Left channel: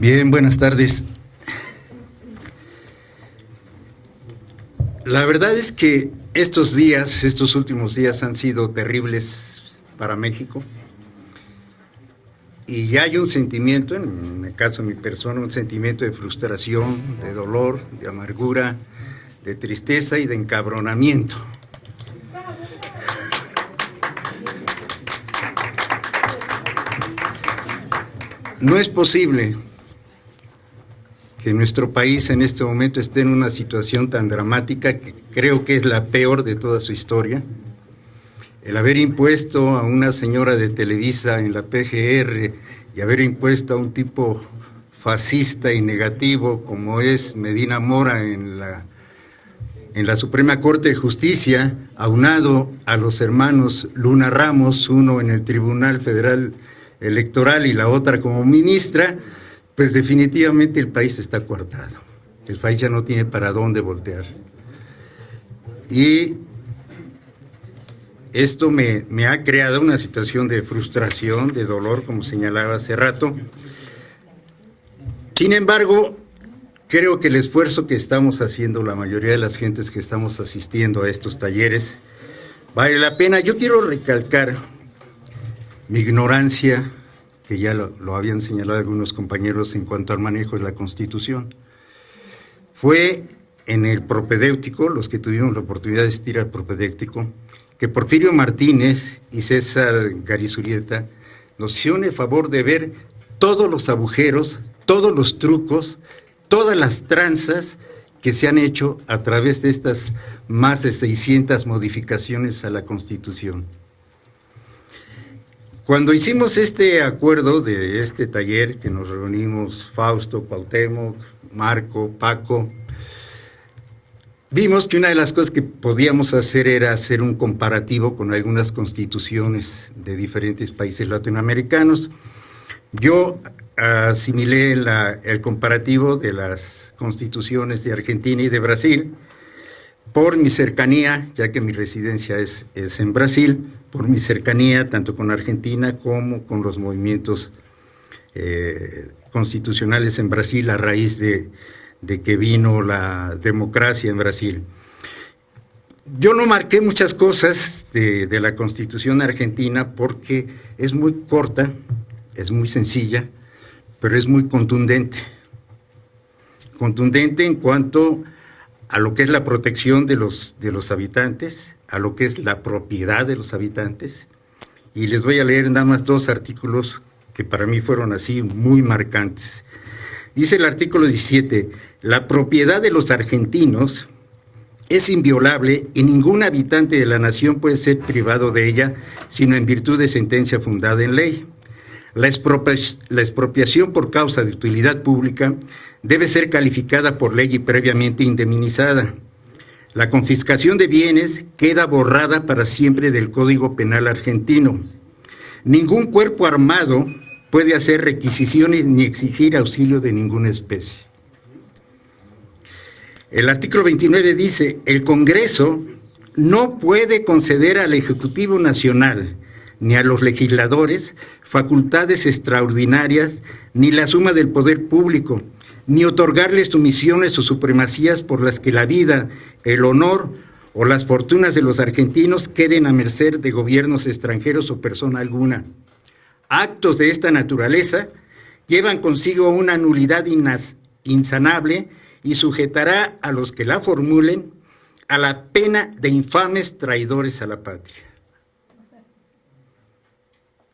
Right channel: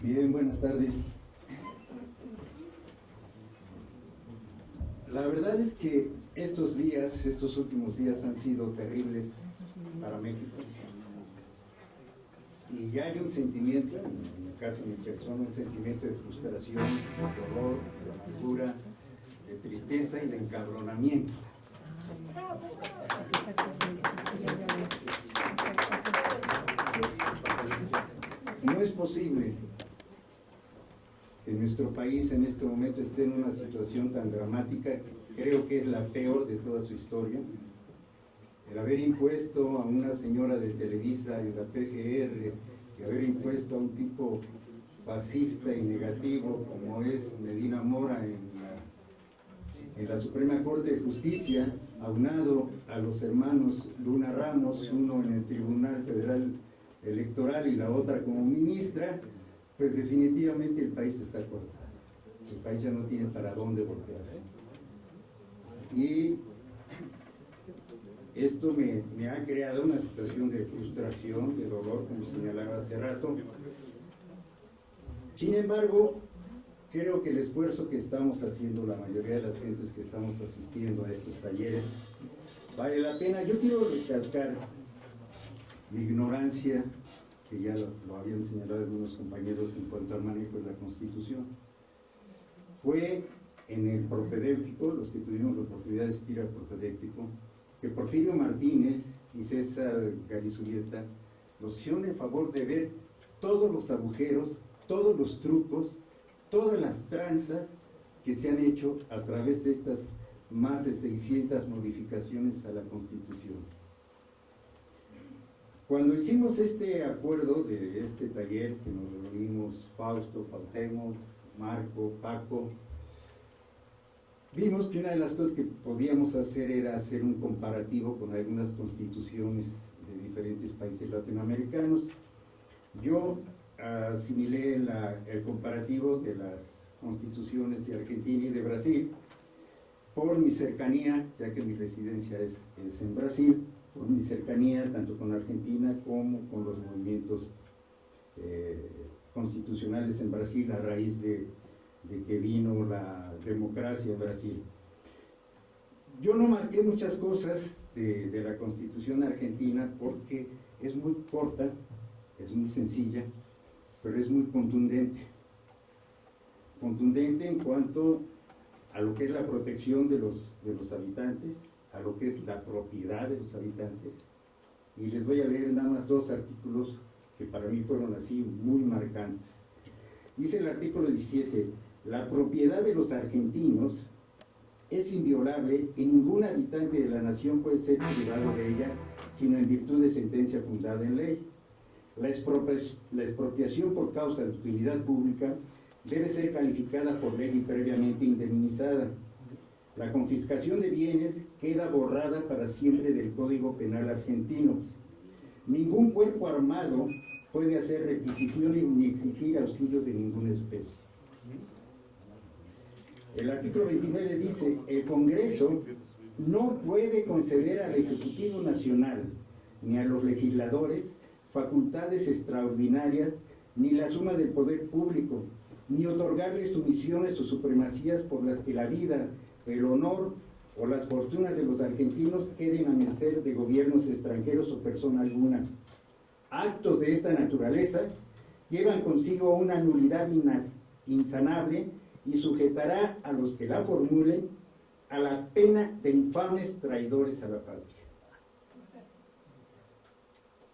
Bien, buenas tardes. La verdad es que estos últimos días han sido terribles para México. Y hay un sentimiento, en el caso de mi persona, un sentimiento de frustración, de dolor, de amargura, de tristeza y de encabronamiento. No es posible que nuestro país en este momento esté en una situación tan dramática que creo que es la peor de toda su historia. El haber impuesto a una señora de Televisa en la PGR y haber impuesto a un tipo fascista y negativo como es Medina Mora en la Suprema Corte de Justicia, aunado a los hermanos Luna Ramos, uno en el Tribunal Federal Electoral y la otra como ministra, pues definitivamente el país está coartado. El país ya no tiene para dónde voltear. Y esto me ha creado una situación de frustración, de dolor, como señalaba hace rato. Sin embargo, creo que el esfuerzo que estamos haciendo, la mayoría de las gentes que estamos asistiendo a estos talleres, vale la pena. Yo quiero recalcar mi ignorancia, que ya lo habían señalado algunos compañeros en cuanto al manejo de la Constitución. Fue en el propedéutico, los que tuvieron la oportunidad de asistir al propedéutico, que Porfirio Martínez y César Garizurieta nos hicieron el favor de ver todos los agujeros, todos los trucos, todas las tranzas que se han hecho a través de estas más de 600 modificaciones a la Constitución. Cuando hicimos este acuerdo de este taller, que nos reunimos Fausto, Cuauhtémoc, Marco, Paco, vimos que una de las cosas que podíamos hacer era hacer un comparativo con algunas constituciones de diferentes países latinoamericanos. Yo asimilé el comparativo de las constituciones de Argentina y de Brasil por mi cercanía, ya que mi residencia es en Brasil, por mi cercanía tanto con Argentina como con los movimientos constitucionales en Brasil a raíz de que vino la democracia en Brasil. Yo no marqué muchas cosas de la Constitución argentina porque es muy corta, es muy sencilla, pero es muy contundente. Contundente en cuanto a lo que es la protección de los habitantes, a lo que es la propiedad de los habitantes. Y les voy a leer nada más dos artículos que para mí fueron así muy marcantes. Dice el artículo 17, la propiedad de los argentinos es inviolable y ningún habitante de la nación puede ser privado de ella, sino en virtud de sentencia fundada en ley. La expropiación por causa de utilidad pública debe ser calificada por ley y previamente indemnizada. La confiscación de bienes queda borrada para siempre del Código Penal argentino. Ningún cuerpo armado puede hacer requisiciones ni exigir auxilio de ninguna especie. El artículo 29 dice, el Congreso no puede conceder al Ejecutivo Nacional ni a los legisladores facultades extraordinarias ni la suma del poder público, ni otorgarles sumisiones o supremacías por las que la vida, el honor o las fortunas de los argentinos queden a merced de gobiernos extranjeros o persona alguna. Actos de esta naturaleza llevan consigo una nulidad insanable y sujetará a los que la formulen a la pena de infames traidores a la patria.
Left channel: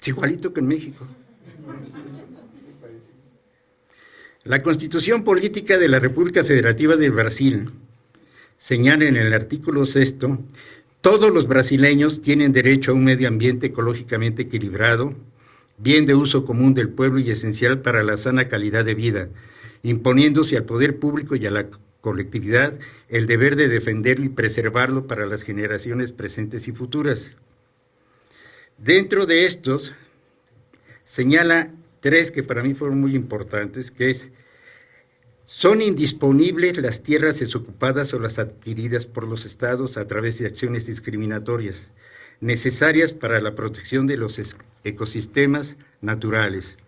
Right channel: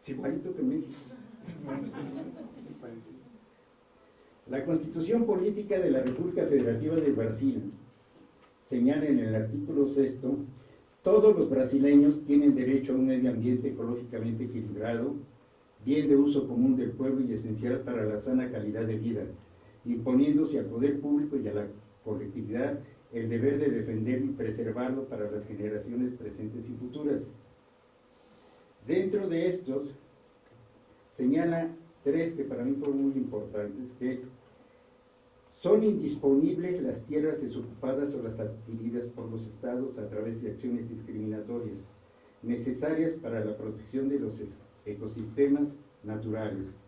Es igualito que en México. La Constitución Política de la República Federativa de Brasil señala en el artículo 6, todos los brasileños tienen derecho a un medio ambiente ecológicamente equilibrado, bien de uso común del pueblo y esencial para la sana calidad de vida, imponiéndose al poder público y a la colectividad el deber de defenderlo y preservarlo para las generaciones presentes y futuras. Dentro de estos, señala tres que para mí fueron muy importantes, que son indisponibles las tierras desocupadas o las adquiridas por los estados a través de acciones discriminatorias, necesarias para la protección de los ecosistemas naturales.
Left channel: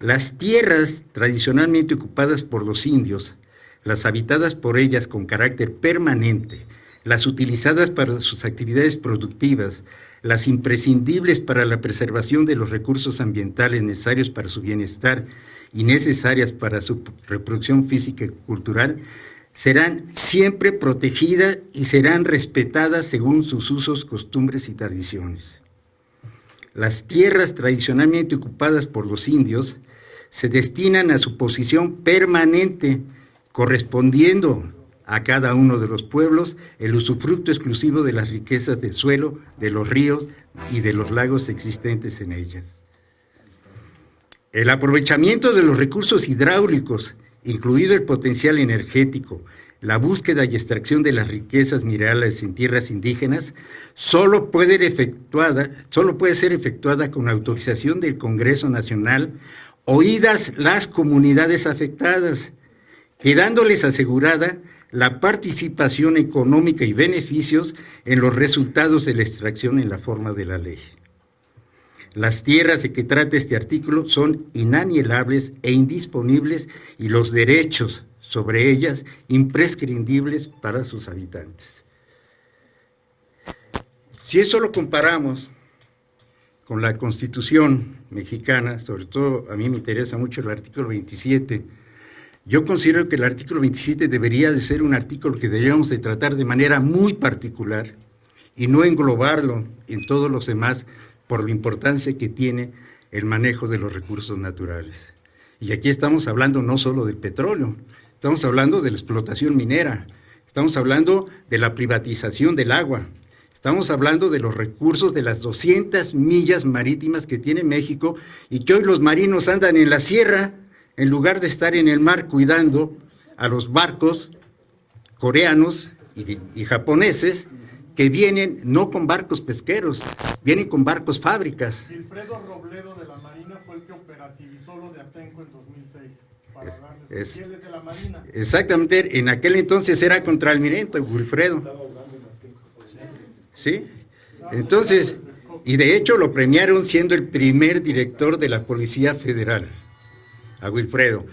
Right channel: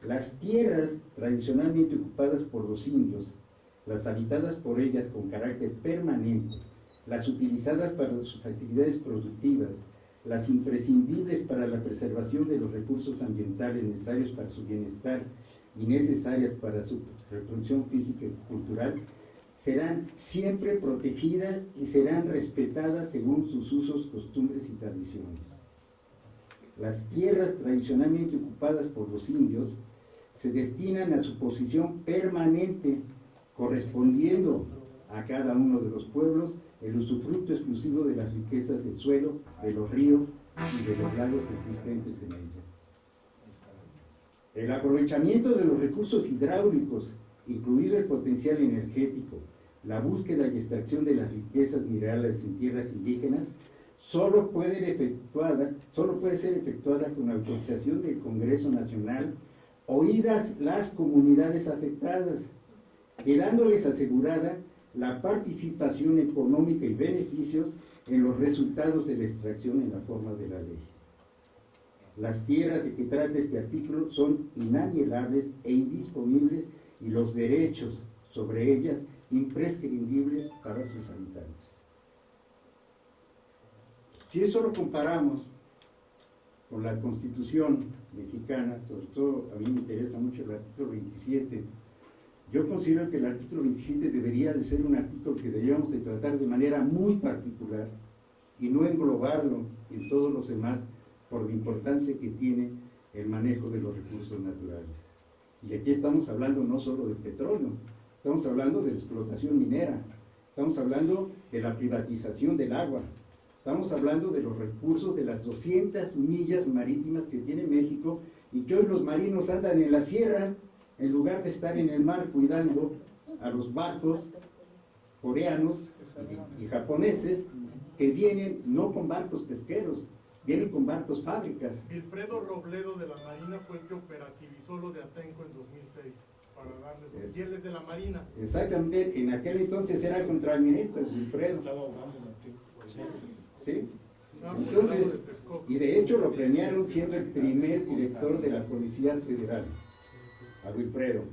Las tierras tradicionalmente ocupadas por los indios, las habitadas por ellas con carácter permanente, las utilizadas para sus actividades productivas, las imprescindibles para la preservación de los recursos ambientales necesarios para su bienestar y necesarias para su reproducción física y cultural, serán siempre protegidas y serán respetadas según sus usos, costumbres y tradiciones. Las tierras tradicionalmente ocupadas por los indios se destinan a su posición permanente, correspondiendo a cada uno de los pueblos el usufructo exclusivo de las riquezas del suelo, de los ríos y de los lagos existentes en ellas. El aprovechamiento de los recursos hidráulicos, incluido el potencial energético, la búsqueda y extracción de las riquezas minerales en tierras indígenas, solo puede ser efectuada con autorización del Congreso Nacional, oídas las comunidades afectadas, quedándoles asegurada la participación económica y beneficios en los resultados de la extracción en la forma de la ley. Las tierras de que trata este artículo son inalienables e indisponibles y los derechos sobre ellas imprescindibles para sus habitantes. Si eso lo comparamos con la Constitución mexicana, sobre todo a mí me interesa mucho el artículo 27, yo considero que el artículo 27 debería de ser un artículo que deberíamos de tratar de manera muy particular y no englobarlo en todos los demás por la importancia que tiene el manejo de los recursos naturales. Y aquí estamos hablando no solo del petróleo, estamos hablando de la explotación minera, estamos hablando de la privatización del agua, estamos hablando de los recursos de las 200 millas marítimas que tiene México y que hoy los marinos andan en la sierra en lugar de estar en el mar cuidando a los barcos coreanos y japoneses que vienen no con barcos pesqueros, vienen con barcos fábricas. Wilfredo Robledo de la Marina fue el que operativizó lo de Atenco en 2006 para darles fieles de la Marina. Exactamente, en aquel entonces era contraalmirante Wilfredo. ¿Sí? Entonces, y de hecho lo premiaron siendo el primer director de la Policía Federal, a Wilfredo.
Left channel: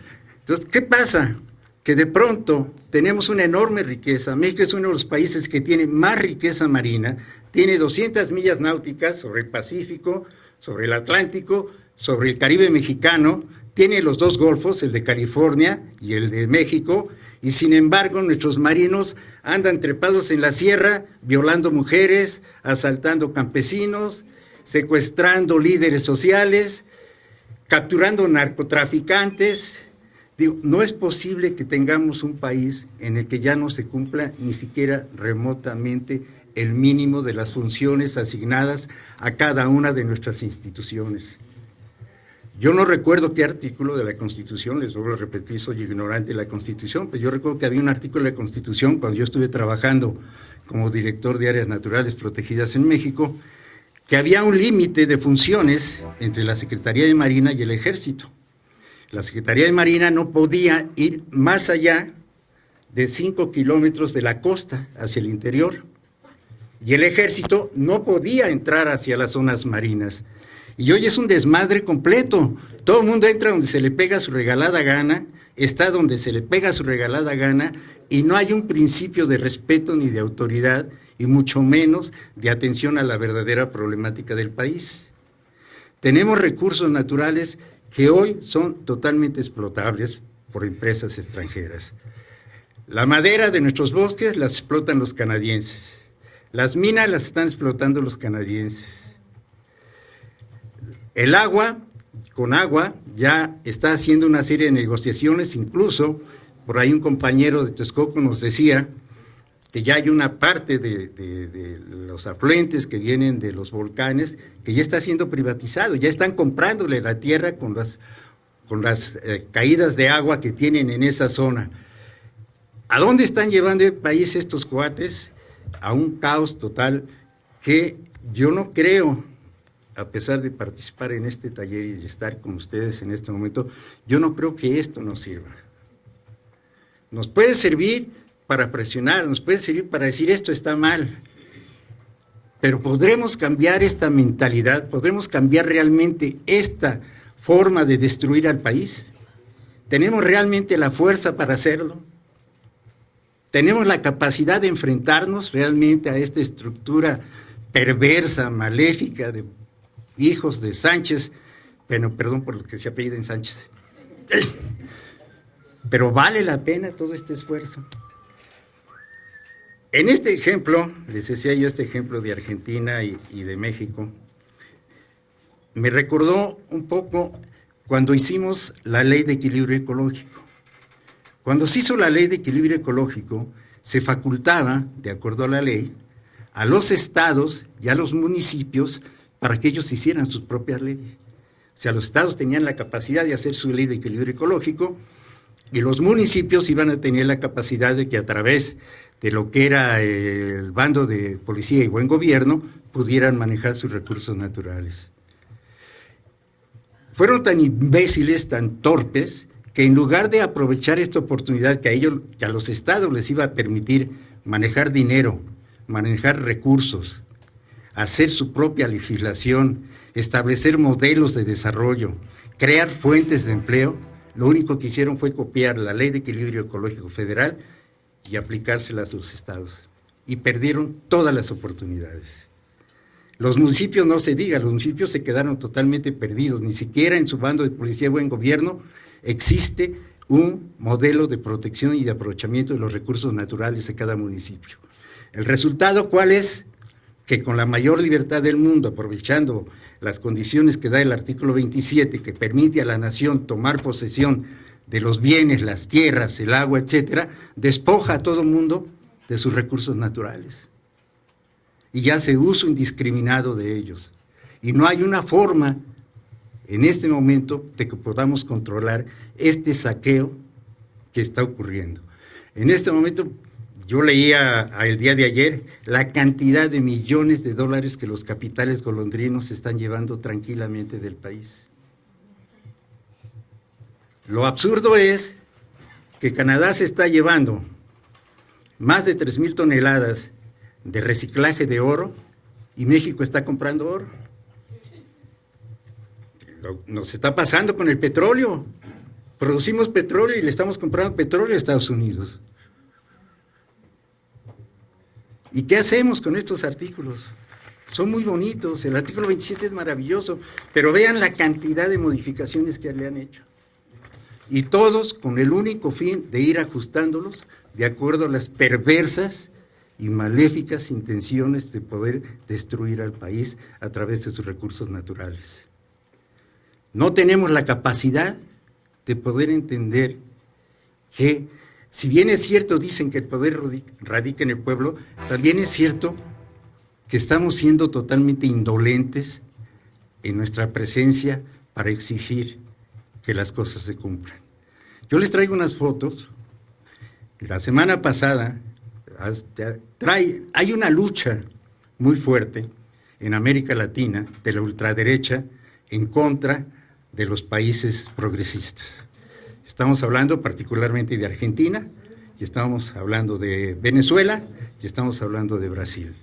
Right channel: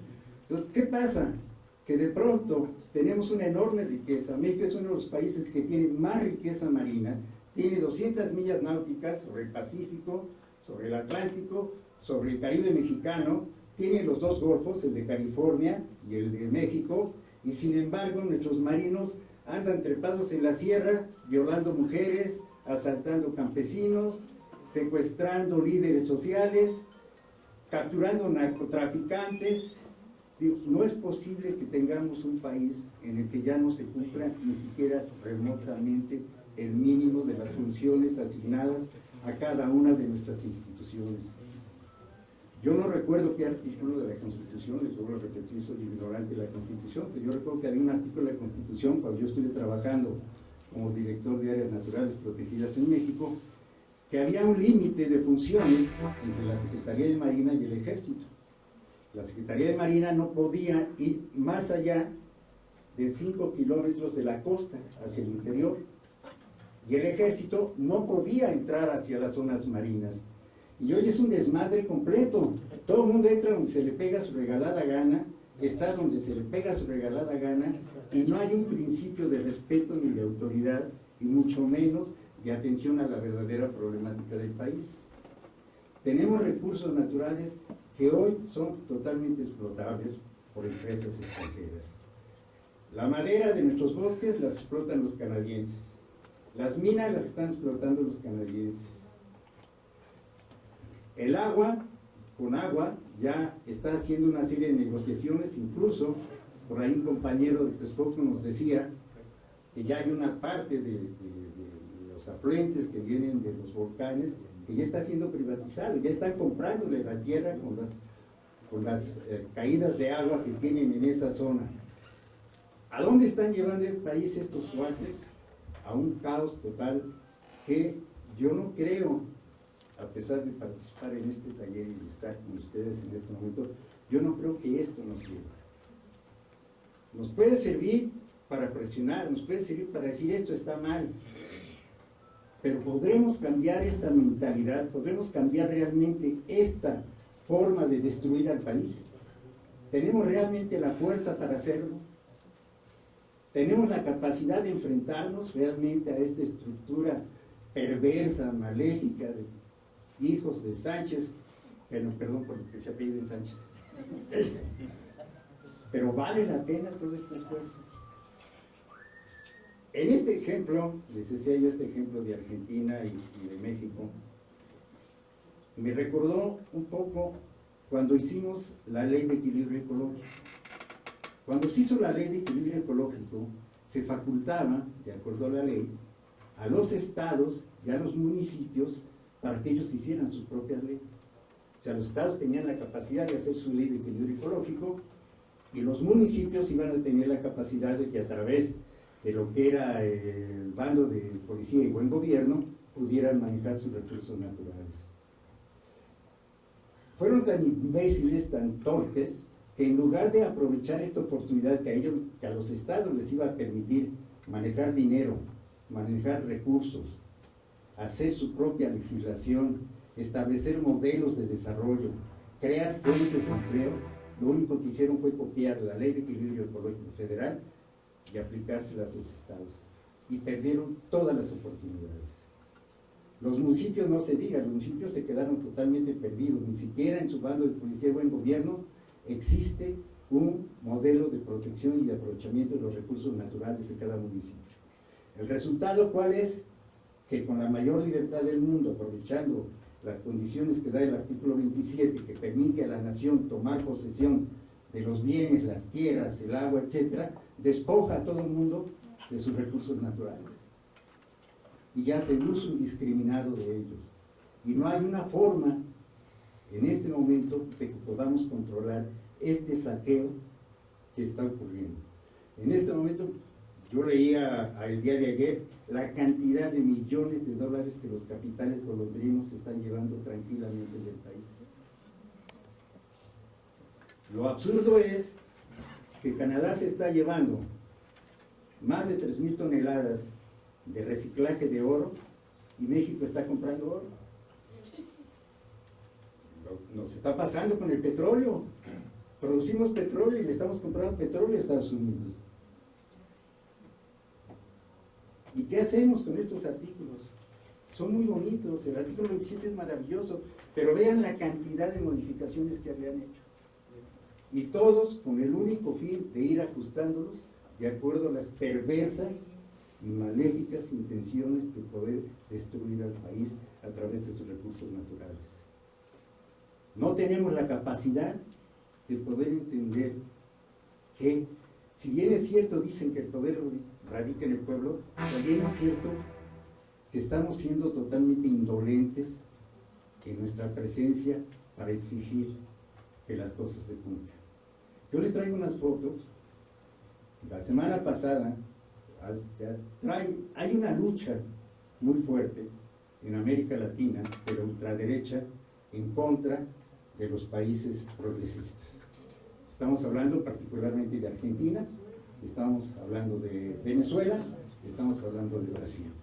Entonces, ¿qué pasa? Que de pronto tenemos una enorme riqueza. México es uno de los países que tiene más riqueza marina, tiene 200 millas náuticas sobre el Pacífico, sobre el Atlántico, sobre el Caribe mexicano, tiene los dos golfos, el de California y el de México, y sin embargo nuestros marinos andan trepados en la sierra, violando mujeres, asaltando campesinos, secuestrando líderes sociales, capturando narcotraficantes. Digo, no es posible que tengamos un país en el que ya no se cumpla ni siquiera remotamente el mínimo de las funciones asignadas a cada una de nuestras instituciones. Yo no recuerdo qué artículo de la Constitución, les vuelvo a repetir, soy ignorante de la Constitución, pero yo recuerdo que había un artículo de la Constitución cuando yo estuve trabajando como director de áreas naturales protegidas en México, que había un límite de funciones entre la Secretaría de Marina y el Ejército. La Secretaría de Marina no podía ir más allá de 5 kilómetros de la costa hacia el interior, y el Ejército no podía entrar hacia las zonas marinas. Y hoy es un desmadre completo. Todo el mundo entra donde se le pega su regalada gana, está donde se le pega su regalada gana, y no hay un principio de respeto ni de autoridad, y mucho menos de atención a la verdadera problemática del país. Tenemos recursos naturales que hoy son totalmente explotables por empresas extranjeras. La madera de nuestros bosques las explotan los canadienses. Las minas las están explotando los canadienses. El agua, con agua, ya está haciendo una serie de negociaciones, incluso por ahí un compañero de Texcoco nos decía que ya hay una parte de los afluentes que vienen de los volcanes que ya está siendo privatizado, ya están comprándole la tierra con las caídas de agua que tienen en esa zona. ¿A dónde están llevando el país estos cuates? A un caos total que yo no creo, a pesar de participar en este taller y de estar con ustedes en este momento, yo no creo que esto nos sirva. Nos puede servir para presionar, nos puede servir para decir esto está mal, pero podremos cambiar esta mentalidad, podremos cambiar realmente esta forma de destruir al país? ¿Tenemos realmente la fuerza para hacerlo? ¿Tenemos la capacidad de enfrentarnos realmente a esta estructura perversa, maléfica de hijos de Sánchez? Bueno, perdón por lo que se apelliden Sánchez. Pero vale la pena todo este esfuerzo. En este ejemplo, les decía yo este ejemplo de Argentina y de México, me recordó un poco cuando hicimos la Ley de Equilibrio Ecológico. Cuando se hizo la Ley de Equilibrio Ecológico, se facultaba, de acuerdo a la ley, a los estados y a los municipios para que ellos hicieran sus propias leyes. O sea, los estados tenían la capacidad de hacer su Ley de Equilibrio Ecológico y los municipios iban a tener la capacidad de que a través de lo que era el bando de policía y buen gobierno pudieran manejar sus recursos naturales. Fueron tan imbéciles, tan torpes, que en lugar de aprovechar esta oportunidad que a los estados les iba a permitir manejar dinero, manejar recursos, hacer su propia legislación, establecer modelos de desarrollo, crear fuentes de empleo, lo único que hicieron fue copiar la Ley de Equilibrio Ecológico Federal y aplicárselas a los estados. Y perdieron todas las oportunidades. Los municipios no se diga, los municipios se quedaron totalmente perdidos, ni siquiera en su bando de policía y buen gobierno existe un modelo de protección y de aprovechamiento de los recursos naturales de cada municipio. ¿El resultado cuál es? Que con la mayor libertad del mundo, aprovechando las condiciones que da el artículo 27, que permite a la nación tomar posesión de los bienes, las tierras, el agua, etcétera, despoja a todo el mundo de sus recursos naturales. Y ya hace uso indiscriminado de ellos. Y no hay una forma en este momento de que podamos controlar este saqueo que está ocurriendo. En este momento, yo leía el día de ayer la cantidad de millones de dólares que los capitales golondrinos se están llevando tranquilamente del país. Lo absurdo es que Canadá se está llevando más de 3,000 toneladas de reciclaje de oro y México está comprando oro. Nos está pasando con el petróleo. Producimos petróleo y le estamos comprando petróleo a Estados Unidos. ¿Y qué hacemos con estos artículos? Son muy bonitos, el artículo 27 es maravilloso, pero vean la cantidad de modificaciones que le han hecho. Y todos con el único fin de ir ajustándolos de acuerdo a las perversas y maléficas intenciones de poder destruir al país a través de sus recursos naturales. No tenemos la capacidad de poder entender que, si bien es cierto, dicen que el poder radica en el pueblo, también es cierto que estamos siendo totalmente indolentes en nuestra presencia para exigir que las cosas se cumplan. Yo les traigo unas fotos. La semana pasada hay una lucha muy fuerte en América Latina de la ultraderecha en contra de los países progresistas. Estamos hablando particularmente de Argentina, y estamos hablando de Venezuela, y estamos hablando de Brasil.